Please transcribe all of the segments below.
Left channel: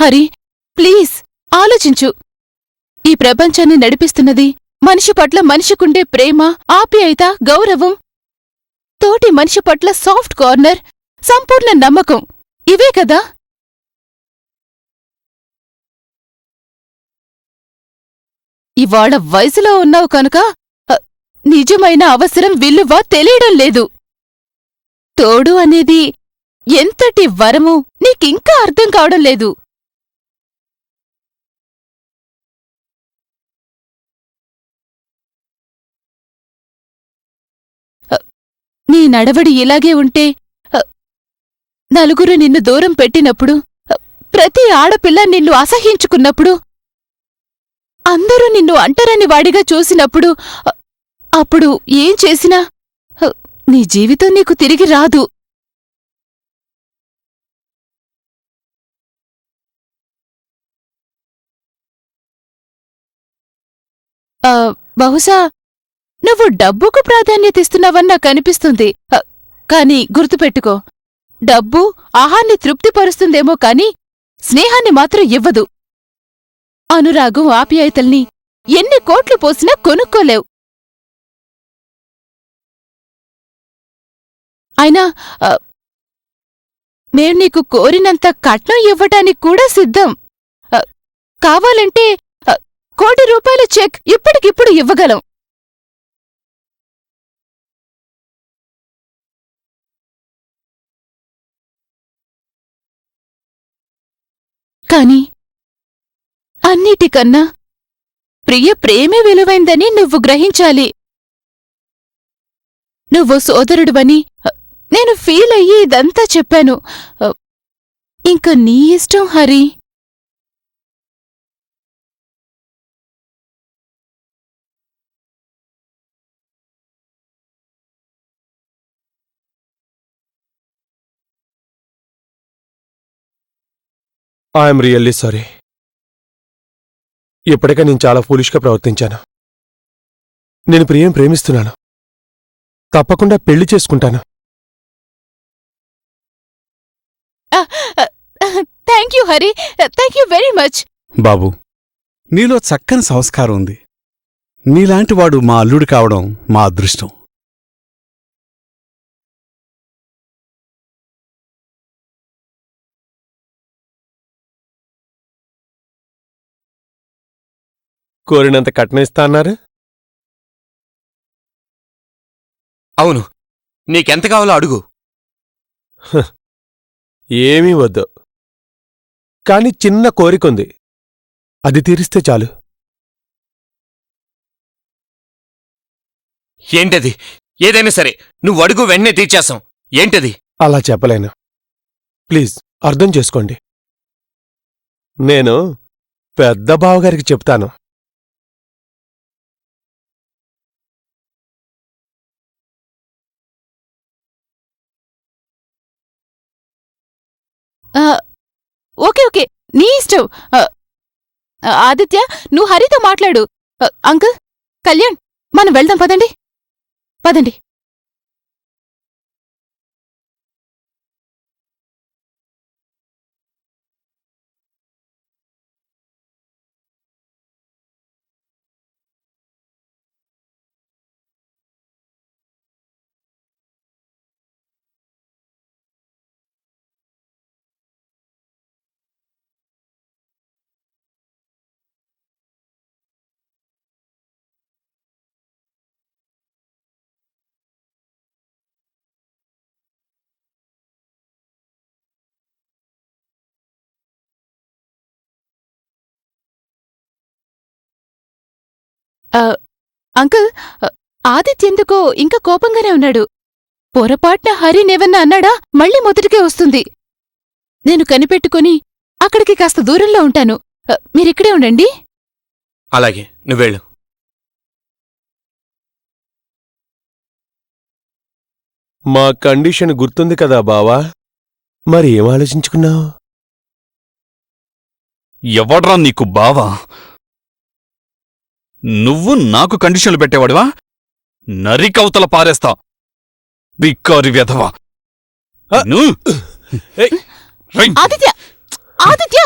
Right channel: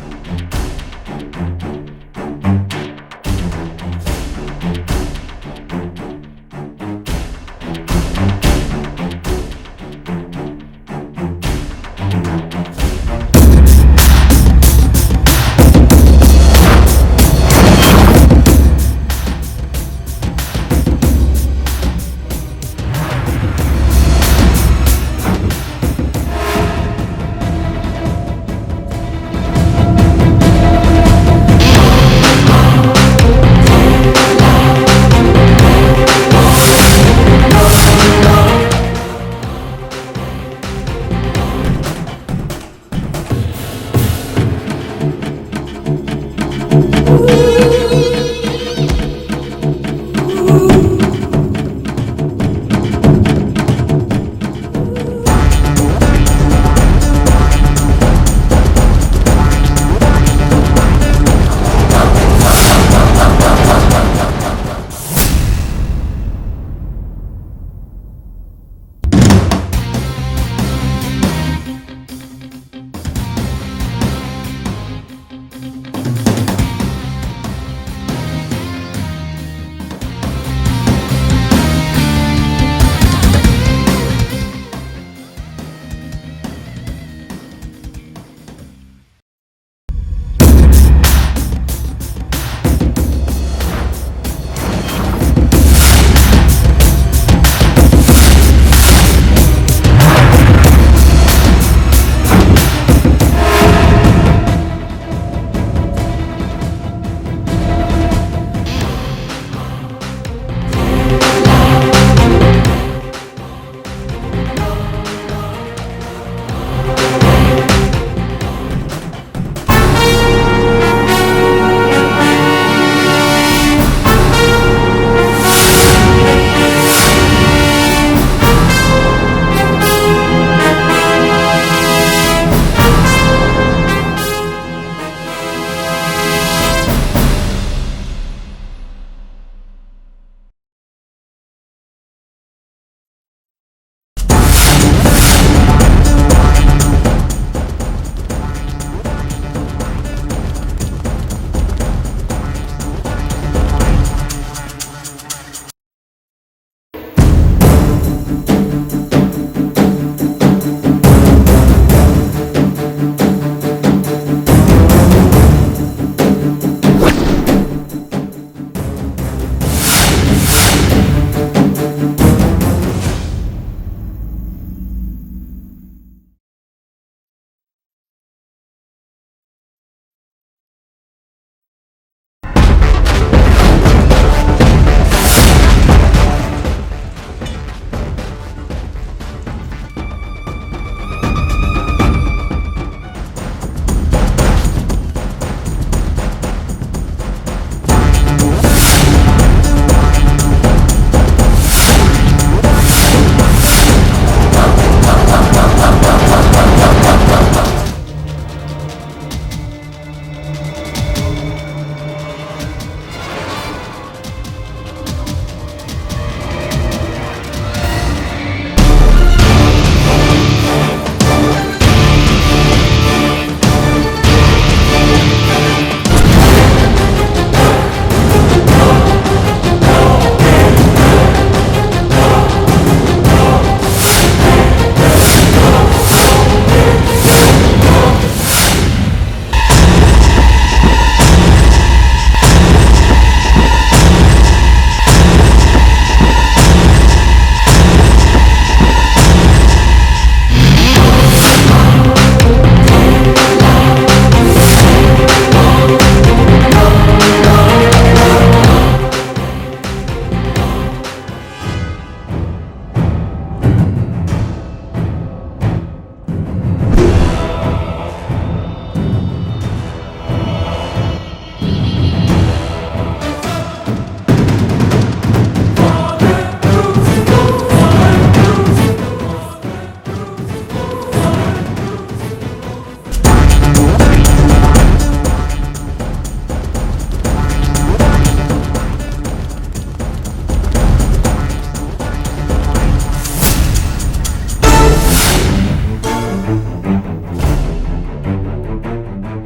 Hari please ఆలోచించు. ఈ ప్రపంచాన్ని నడిపిస్తున్నది మనిషి పట్ల మనిషికుండే ప్రేమ, ఆప్యాయత, గౌరవం, తోటి మనిషి పట్ల సాఫ్ట్ కార్నర్, సంపూర్ణ నమ్మకం. ఇవే కదా. ఇవాళ వయసులో ఉన్నావు కనుక నిజమైన అవసరం విలువ తెలియడం లేదు. తోడు అనేది ఎంతటి వరము నీకింకా అర్థం కావడం లేదు. నీ నడవడి ఇలాగే ఉంటే నలుగురు నిన్ను దూరం పెట్టినప్పుడు, ప్రతి ఆడపిల్ల నిన్ను అసహ్యించుకున్నప్పుడు, అందరూ నిన్ను అంటరని వాడిగా చూసినప్పుడు, అప్పుడు ఏం చేసినా నీ జీవితం నీకు తిరిగి రాదు. బహుశా నువ్వు డబ్బుకు ప్రాధాన్యత ఇస్తున్నావని నాకు అనిపిస్తుంది. కానీ గుర్తుపెట్టుకో, డబ్బు ఆహాన్ని తృప్తిపరుస్తుందేమో కానీ స్నేహాన్ని మాత్రం ఇవ్వదు. అనురాగం, ఆప్యాయతల్ని ఎన్ని కోట్లు పోసినా కొనుక్కోలేవు. అయినా నేను నీకు కోరినంత కట్నం ఇవ్వటానికి కూడా సిద్ధం. కావాలంటే ₹1 కోటి చెక్ ఇప్పటికిప్పుడు ఇవ్వగలం. కానీ అన్నిటికన్నా ప్రేమే విలువైందని నువ్వు గ్రహించాలి. నువ్వు సోదరుడువని నేను ఫీల్ అయ్యి ఇదంతా చెప్పాను. ఇంకా నీ ఇష్టం హరి. I'm really sorry. ఇప్పటికే నేను చాలా ఫూలిష్గా ప్రవర్తించాను. నేను ప్రేమిస్తున్నాను. తప్పకుండా పెళ్లి చేసుకుంటాను. Thank you Hari, thank you very much. బాబు, నీలో చక్కని సంస్కారం ఉంది. నీలాంటి వాడు మా అల్లుడు కావడం మా అదృష్టం. కోరినంత కట్నం ఇస్తా అన్నారు. అవును, నీకెంత కావాలో అడుగు. ఏమీ వద్దు, కానీ చిన్న కోరికుంది, అది తీరిస్తే చాలు. ఏంటది? ఏదైనా సరే నువ్వు అడుగు, వెంటనే తీర్చేస్తాం. ఏంటది? అలా చెప్పలేను, ప్లీజ్ అర్థం చేసుకోండి. నేను పెద్ద బావగారికి చెప్తాను. ఓకే ఓకే, నీ ఇష్టం. ఆదిత్య, నువ్వు హరితో మాట్లాడు. అంకుల్, కళ్యాణ్, మనం వెళ్దాం. పదండి పదండి. అంకుల్, ఆదిత్య ఎందుకో ఇంకా కోపంగానే ఉన్నాడు. పొరపాటున హరినేవన్నా అన్నాడా మళ్ళీ మొదటికే వస్తుంది. నేను కనిపెట్టుకుని అక్కడికి కాస్త దూరంలో ఉంటాను. మీరిక్కడే ఉండండి. అలాగే, నువ్వు వెళ్ళు. మా కండిషన్ గుర్తుంది కదా బావా, మరి ఏం ఆలోచించుకున్నావు? ఎవడ్రా నీకు బావా? నువ్వు నాకు కండిషన్లు పెట్టేవాడివా? నరికవతల పారేస్తా, బిక్కారి వెధవా. ఆదిత్య, ఆదిత్య,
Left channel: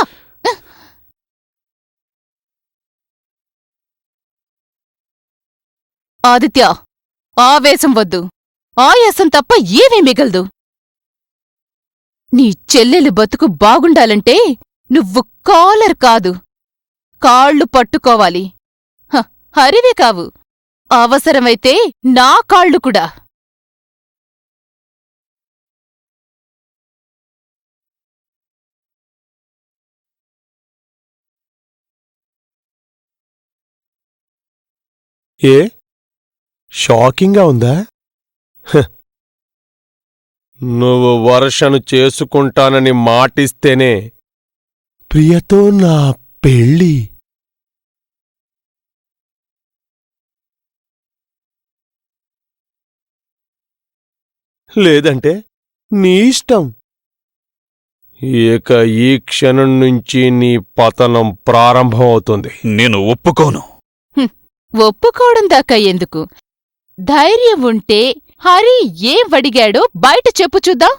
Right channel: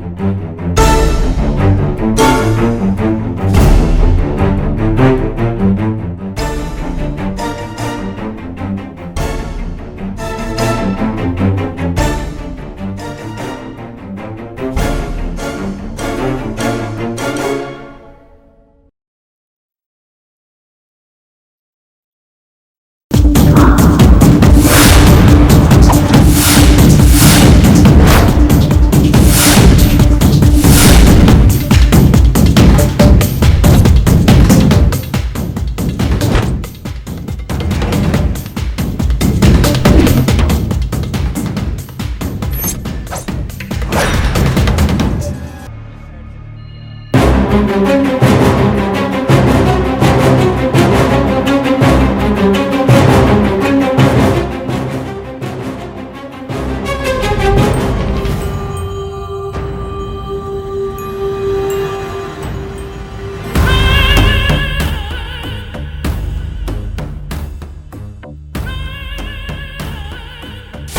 ఆదిత్య, ఆవేశం వద్దు. ఆయాసం తప్ప ఏమీ మిగలదు. నీ చెల్లెలు బతుకు బాగుండాలంటే నువ్వు కాలర్ కాదు, కాళ్ళు పట్టుకోవాలి. హరివే కావు, అవసరమైతే నా కాళ్ళు కూడా. ఏ షాకింగ్గా ఉందా? నువ్వు వర్షను చేసుకుంటానని మాటిస్తేనే ప్రియతో నా పెళ్ళి. లేదంటే నీ ఇష్టం. ఇక ఈ క్షణం నుంచి నీ పతనం ప్రారంభం అవుతుంది. నేను ఒప్పుకోను. ఒప్పుకోవడం దాకా ఎందుకు? ధైర్యం ఉంటే హరి ఏం అడిగాడో బయట చెప్పు చూద్దాం.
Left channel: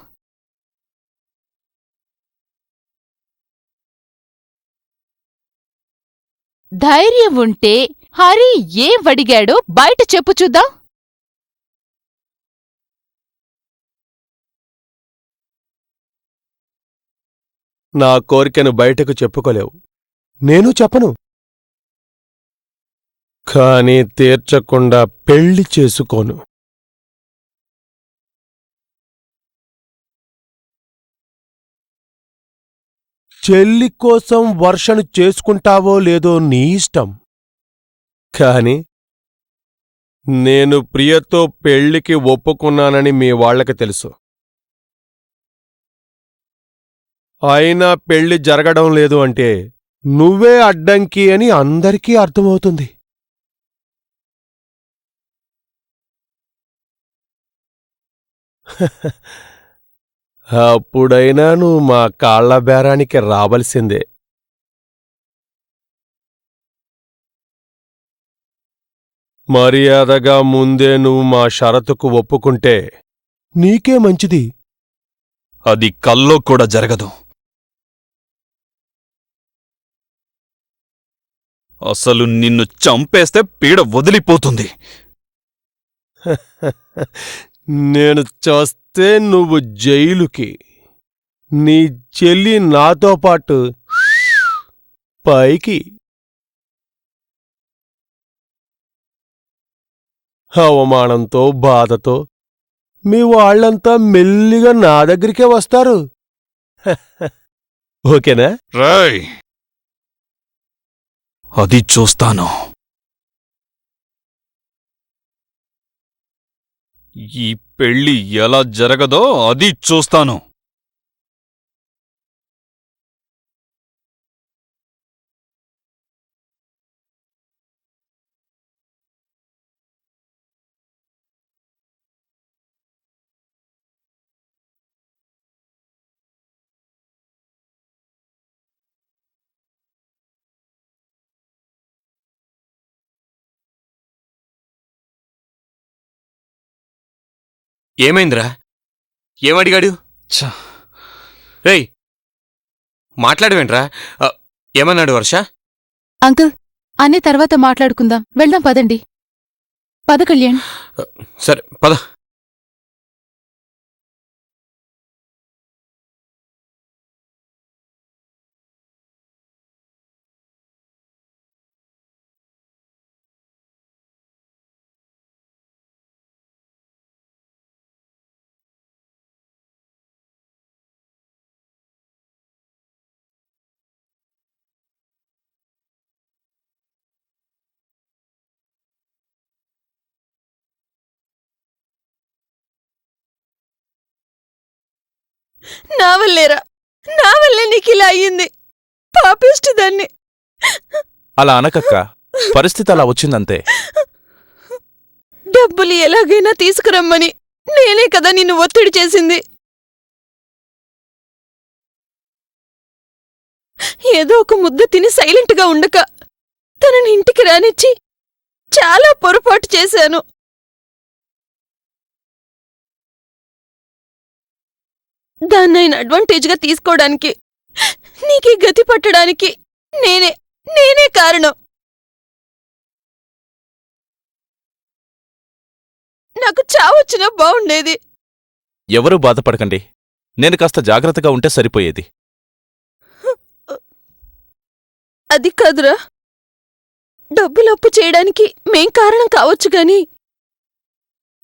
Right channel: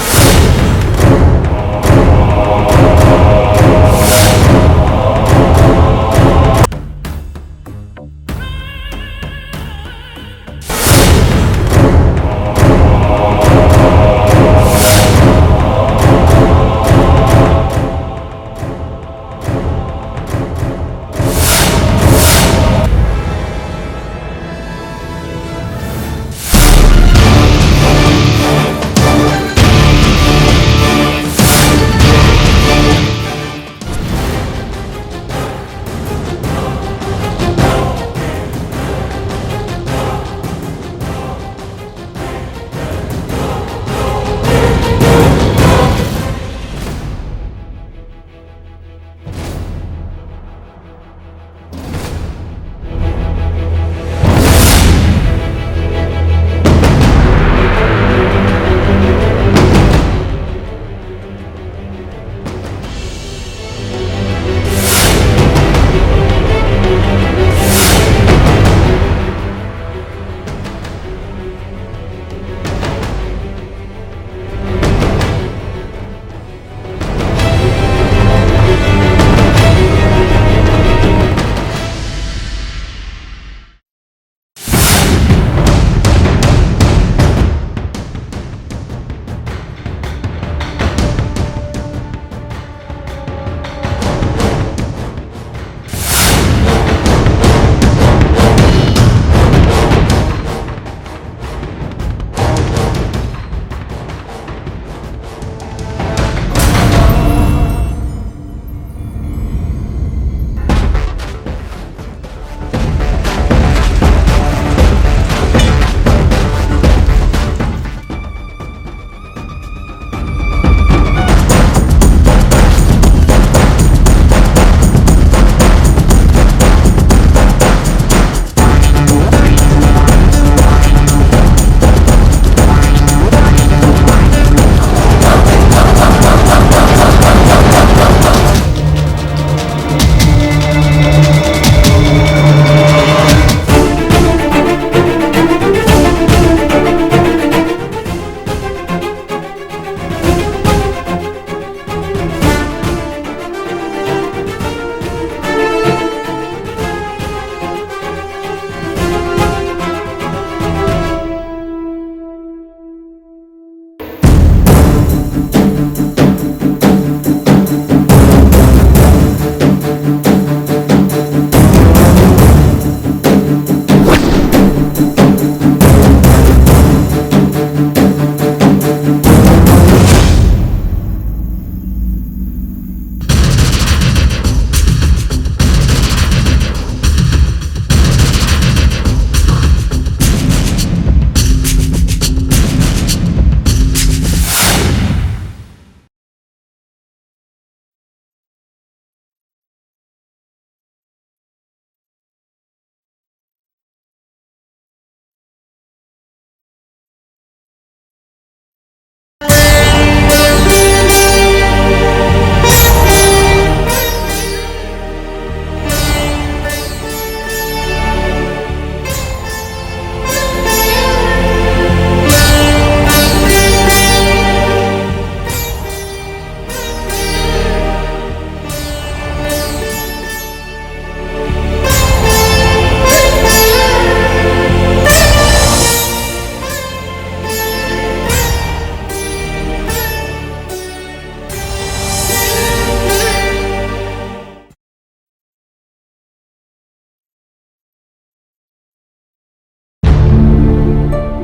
ధైర్యం ఉంటే హరి ఏం అడిగాడో బయట చెప్పు చూద్దాం. నా కోరికను బయటకు చెప్పుకోలేవు, నేను చెప్పను. కానీ తీర్చకుండా పెళ్లి చేసుకోను. చెల్లి కోసం వర్షను చేసుకుంటావో లేదో నీ ఇష్టం. కానీ నేను ప్రియతో పెళ్లికి ఒప్పుకున్నానని మీ వాళ్ళకి తెలుసు. అయినా పెళ్లి జరగడం లేదు అంటే నువ్వే అడ్డంకి అని అందరికీ అర్థమవుతుంది. అప్పుడైనా నువ్వు మా కాళ్ళ బేరానికి రావలసిందే. మర్యాదగా ముందే నువ్వు మా షరతుకు ఒప్పుకుంటే నీకే మంచిది. అది కల్లో కూడా జరగదు. అసలు నిన్ను చంపేస్తే పీడ వదిలిపోతుంది. నేను చేస్తే నువ్వు జైలుకి, నీ చెల్లి నాతో పాటు పైకి. అవమానంతో బాధతో మీ వాళ్ళంతా మెల్లిగా నా దగ్గరికే వస్తారు. ఓకేనా? రాయ్, అది చూస్తాను. ఈ పెళ్లి ఎలా జరగదో అది చూస్తాను. ఏమైందిరా? ఏమడిగాడు? రేయ్, మాట్లాడవేంట్రా? ఏమన్నాడు వర్ష? అంకుల్, అన్ని తర్వాత మాట్లాడుకుందాం. వెళ్దాం పదండి. పద కళ్యాణ్. సరే పద. నా వల్లే నీకు ఇలా అయ్యింది. పాపిష్టి దాన్ని. అలా అనకక్క, పరిస్థితి అలా వచ్చిందంతే. డబ్బులు ఎలాగైనా తీసుకురమ్మని నేనే కదా నిన్ను ఒత్తిడి చేసింది. ఏదో ఒక ముద్ద తిని సైలెంట్ గా ఉండక తనని ఇంటికి రానిచ్చి చాలా పొరపాటు చేశాను. దాన్ని ఆయన అడ్వాంటేజ్ గా తీసుకోవడానికి, నీకు గతి పట్టడానికి నేనే కారణం. నాకు చావొచ్చినా బాగుండేది. ఎవరూ బాధపడకండి. నేను కాస్త జాగ్రత్తగా ఉంటే సరిపోయేది. అది కాదురా, డబ్బులు అప్పు చేయడానికి మేం కారణం కావచ్చు గాని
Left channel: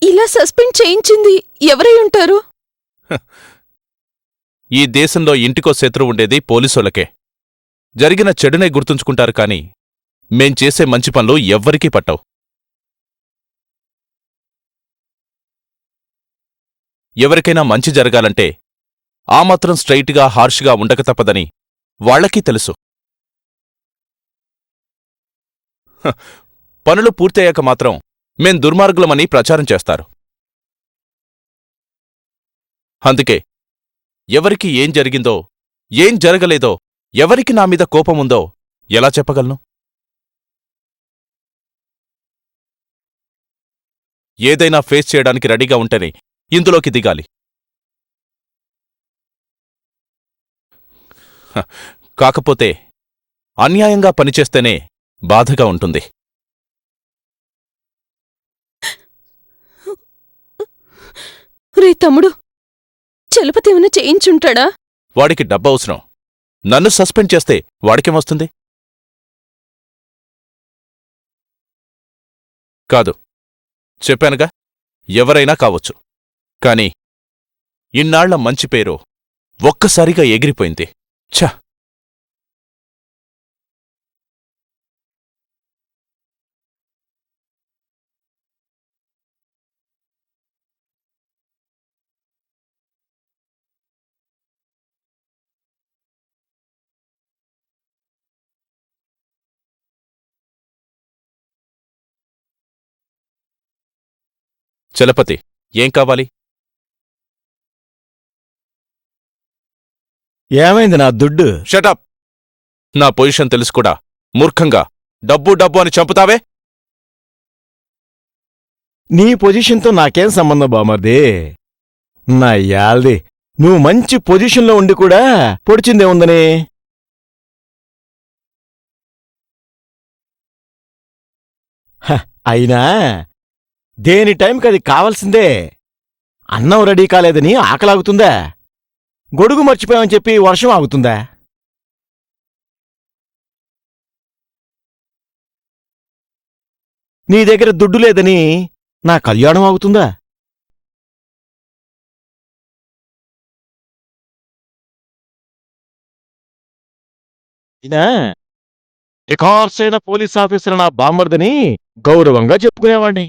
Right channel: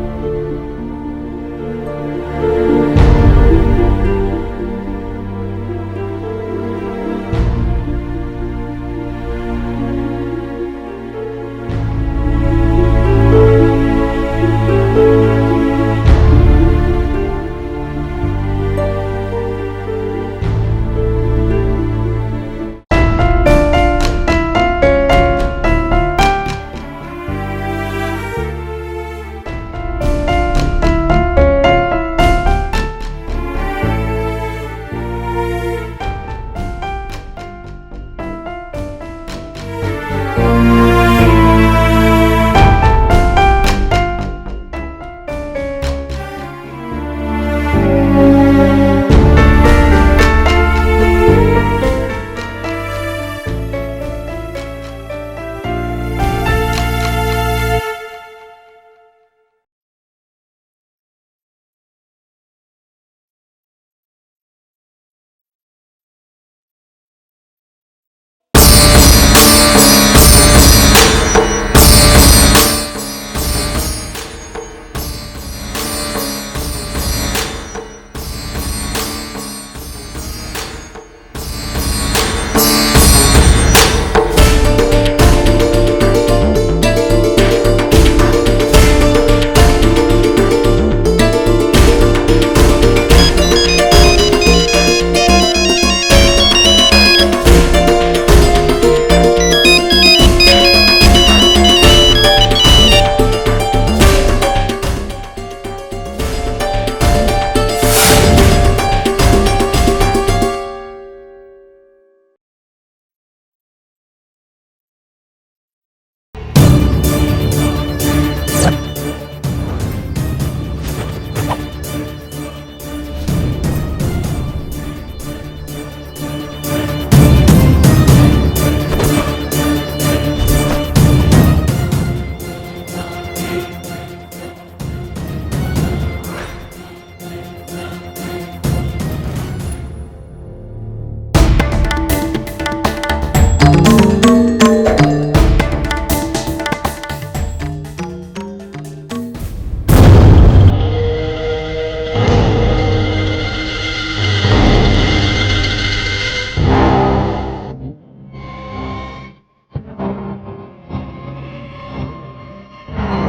ఇలా సస్పెండ్ చేయించింది ఎవరై ఉంటారు? ఈ దేశంలో ఇంటికో శత్రువు ఉండేది పోలీసులకే. జరిగిన చెడునే గుర్తుంచుకుంటారు కానీ మేం చేసే మంచి పనులు ఎవ్వరికీ పట్టవు. ఎవరికైనా మంచి జరగాలంటే ఆ మాత్రం స్ట్రైట్గా హార్ష్గా ఉండక తప్పదని వాళ్ళకీ తెలుసు. పనులు పూర్తయ్యాక మాత్రం మేం దుర్మార్గులమని ప్రచారం చేస్తారు. అందుకే ఎవరికి ఏం జరిగిందో, ఏం జరగలేదో, ఎవరికి నా మీద కోపముందో ఎలా చెప్పగలను? ఏదైనా ఫేస్ చేయడానికి రెడీగా ఉంటేనే ఇందులోకి దిగాలి. కాకపోతే అన్యాయంగా పనిచేస్తేనే బాధగా ఉంటుంది. రే తమ్ముడు, చలపతి ఏమైనా చేయించుంటాడా? వాడికి డబ్బు అవసరం. నన్ను సస్పెండ్ చేస్తే వాడికేమొస్తుంది? కాదు, చెప్పానుగా, ఎవరైనా కావచ్చు. కానీ ఇన్నాళ్ల మంచి పేరు ఒక్కసారిగా ఎగిరిపోయింది. ఛ! చలపతి, ఏం కావాలి? ఏమైంది నా దుడ్డు? షటప్! నా పొజిషన్ తెలుసు కూడా మూర్ఖంగా డబ్బు డబ్బు అని చంపుతావే? నీ పొజిషన్తో నాకేం సంబంధం బామర్ది? నా యాల్ది, నువ్వు మంచి పొజిషన్లో ఉండి కూడా పొడిచిందే ఉందని. అయినా దేని టైంకి అది కావాల్సిందే. అన్నం రెడీ కాలేదని ఆకలాగుతుందా? గొడుగు మర్చిపోయామని చెప్పి వర్షం ఆగుతుందా? నీ దగ్గర దుడ్డు లేదని నా కళ్యాణం ఆగుతుందా? ఇకార్సైన పోలీస్ ఆఫీసర్ నా బామ్మర్దని గౌరవంగా చెప్పుకునేవాడిని.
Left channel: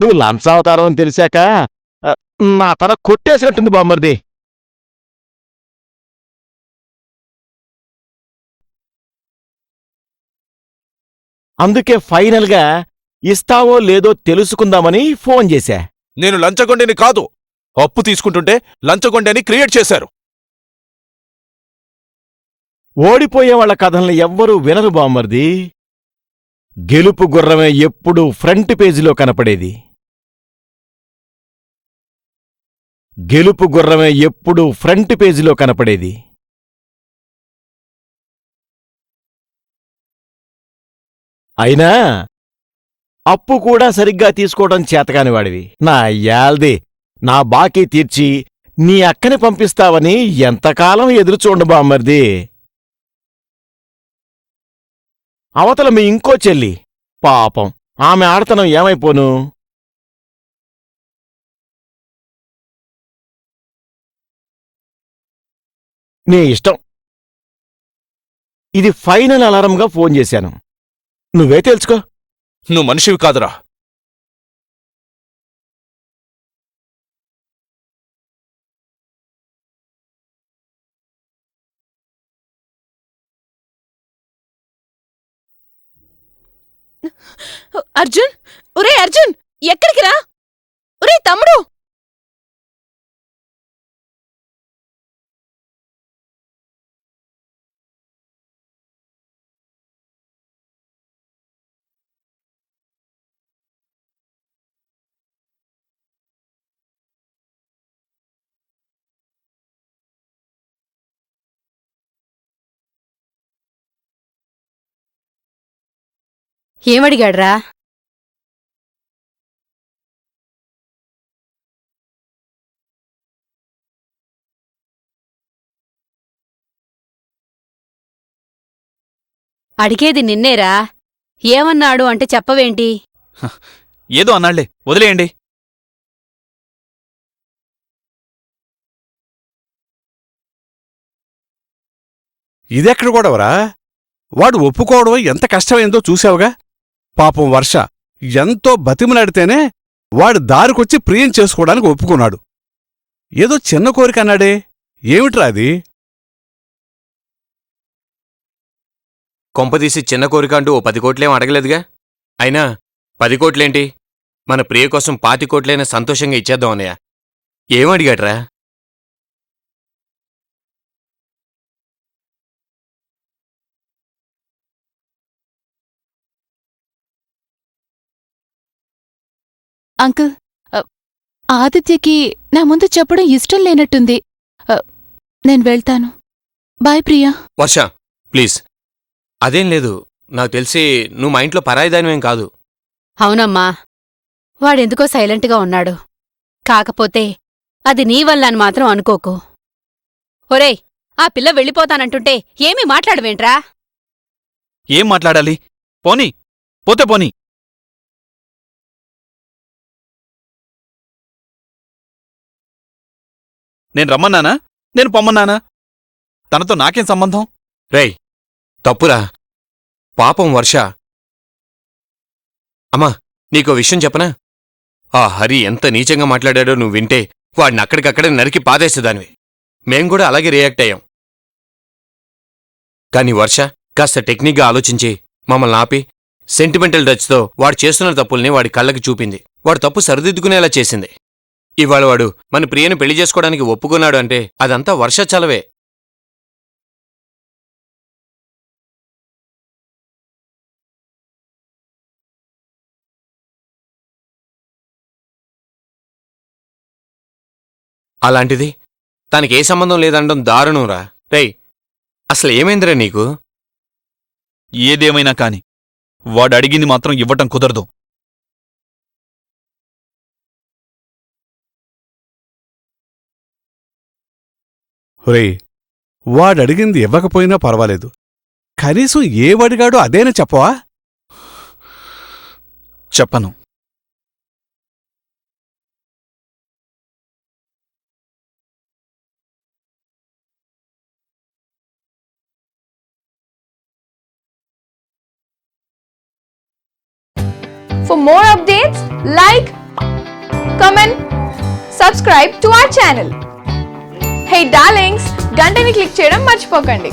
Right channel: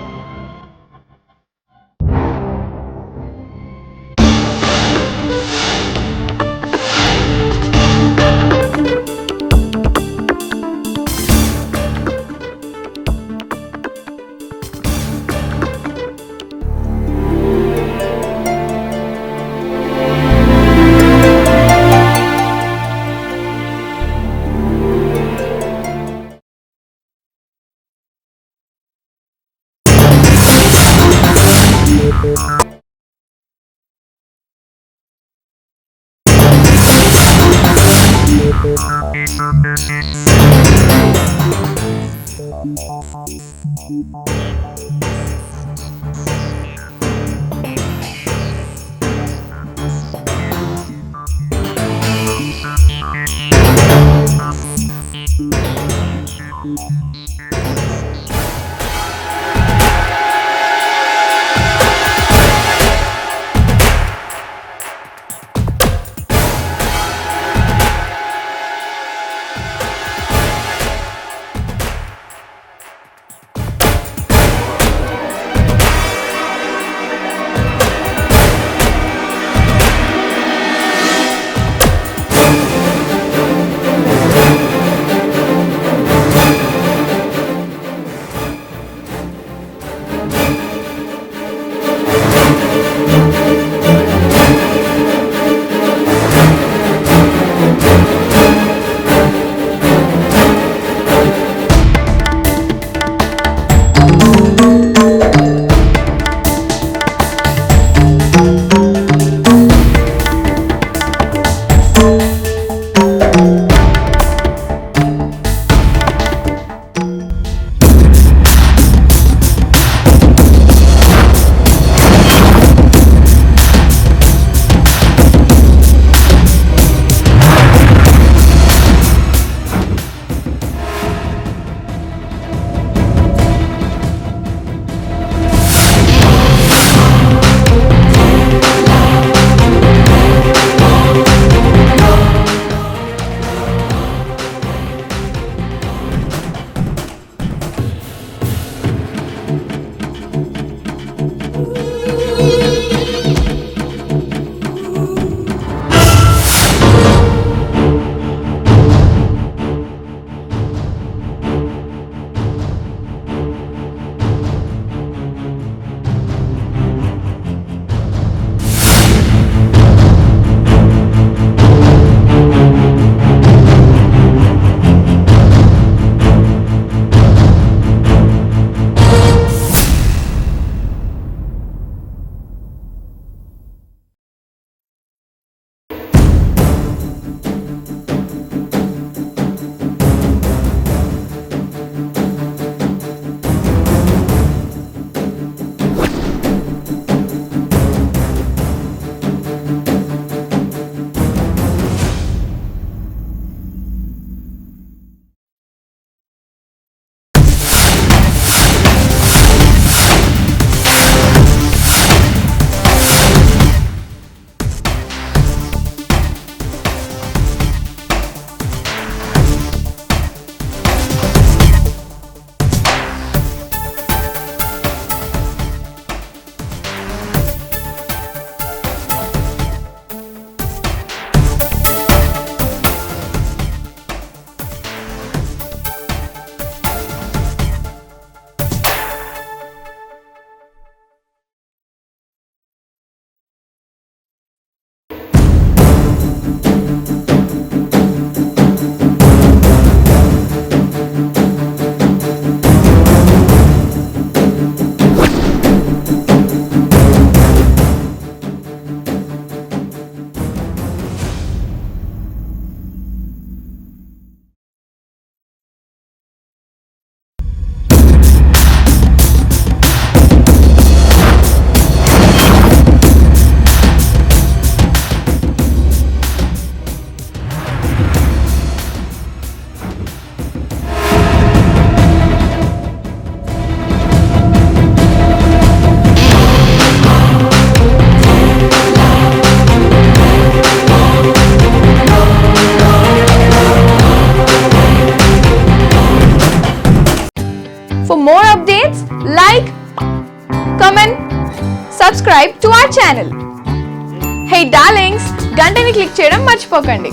నువ్వు లంచావతారం అని తెలిసాక నా తల కొట్టేసినట్టుంది బామ్మర్ది. అందుకే ఫైనల్ గా ఇస్తావో లేదో తెలుసుకుందామని ఫోన్ చేశా. నేను లంచగొండని కాదు. అప్పు తీసుకుంటుంటే లంచగొండని క్రియేట్ చేశారు. ఓడిపోయే వాళ్ళ కథల్ని ఎవ్వరూ వినరు బామ్మర్ది. గెలుపు గుర్రమే ఎప్పుడూ ఫ్రంట్ పేజీలో కనపడేది. గెలుపు గుర్రమే ఎప్పుడూ ఫ్రంట్ పేజీలో కనపడేది. అయినా అప్పు కూడా సరిగ్గా తీసుకోవడం చేతకాని వాడివి. నా యాల్ది, నా బాకీ తీర్చి నీ అక్కని పంపిస్తావని ఎంతకాలం ఎదురు చూడ బామ్మర్ది. అవతల మీ ఇంకో చెల్లి పాపం, ఆమె ఆడతనం ఏమైపోను? నీ ఇష్టం. ఇది ఫైనల్ అలారంగా ఫోన్ చేశాను. నువ్వే తెలుసుకో. నువ్వు మనిషివి కాదురా. అర్జున్, ఒరే అర్జున్, ఎక్కడికి రా? ఒరే తమ్ముడు, ఏమడిగాడ్రా? అడిగేది నిన్నేరా. ఏమన్నాడు అంటే చెప్పవేంటి? ఏదో అన్నాళ్లే, వదిలేయండి. ఇదెక్కడ గొడవరా? వాడు ఒప్పుకోవడం ఎంత కష్టమైందో చూసావుగా. పాపం వర్ష ఎంతో బతిమలాడితేనే వాడు దారికొచ్చి ప్రియం చేసుకోవడానికి ఒప్పుకున్నాడు. ఏదో చిన్న కోరిక అన్నాడే, ఏమిట్రా అది? కొంపదీసి చిన్న కోరిక అంటూ ఓ 10 కోట్లేం అడగలేదుగా. అయినా 10 కోట్లేంటి, మన ప్రియ కోసం 20 కోట్లైనా సంతోషంగా ఇచ్చేద్దాం అన్నయ్య. ఏమడిగాడ్రా? అంకుల్, ఆదిత్యకి నా ముందు చెప్పడం ఇష్టం లేనట్టుంది. నేను వెళ్తాను. బాయ్ ప్రియా. వర్ష ప్లీజ్. అదేం లేదు, నాకు తెలిసి నువ్వు మా ఇంట్లో పరాయిదానివేం కాదు. అవునమ్మా, వాడెందుకో సైలెంట్గా ఉన్నాడు. కాకపోతే అది నీ వల్ల అని మాత్రం అనుకోకు. ఒరేయ్, ఆ పిల్ల వెళ్ళిపోతానంటుంటే ఏమీ మాట్లాడవేంట్రా? ఏం మాట్లాడాలి? పోనీ, పోతే పోనీ. నేను రమ్మన్నానా? నేను పొమ్మన్నానా? తనతో నాకేం సంబంధం? రేయ్, తప్పురా. పాపం వర్ష. అమ్మా, నీకో విషయం చెప్పనా? ఆ హరి ఎంత నీచంగా మాట్లాడాడో నువ్వు వింటే వాడిని అక్కడికక్కడే నరికి పాదేసేదాన్ని. మేం కూడా అలాగే రియాక్ట్ అయ్యాం. కానీ వర్ష కాస్త టెక్నిక్గా ఆలోచించి మమ్మల్ని ఆపి సెంటిమెంటల్ టచ్తో వాడు చేస్తున్న తప్పుల్ని వాడి కళ్ళకి చూపింది. వాడు తప్పు సరిదిద్దుకునేలా చేసింది. ఇవాళ వాడు మన ప్రియను పెళ్లి చేసుకోవడానికి ఒప్పుకున్నాడు అంటే అదంతా వర్ష చలవే. అలాంటిది తనకి ఏ సంబంధం లేదనడం దారుణంరా. రేయ్, అసలు ఏమైందిరా నీకు? ఏదేమైనా కాని వాడు అడిగింది మాత్రం ఇవ్వటం కుదరదు. రేయ్, వాడు అడిగింది ఇవ్వకపోయినా పర్వాలేదు, కనీసం ఏవడిగాడో అదేనా చెప్పవా? చెప్పను. For more updates, like, comment, subscribe to our channel. Hey darlings, గంటని click చేయడం మర్చిపోకండి.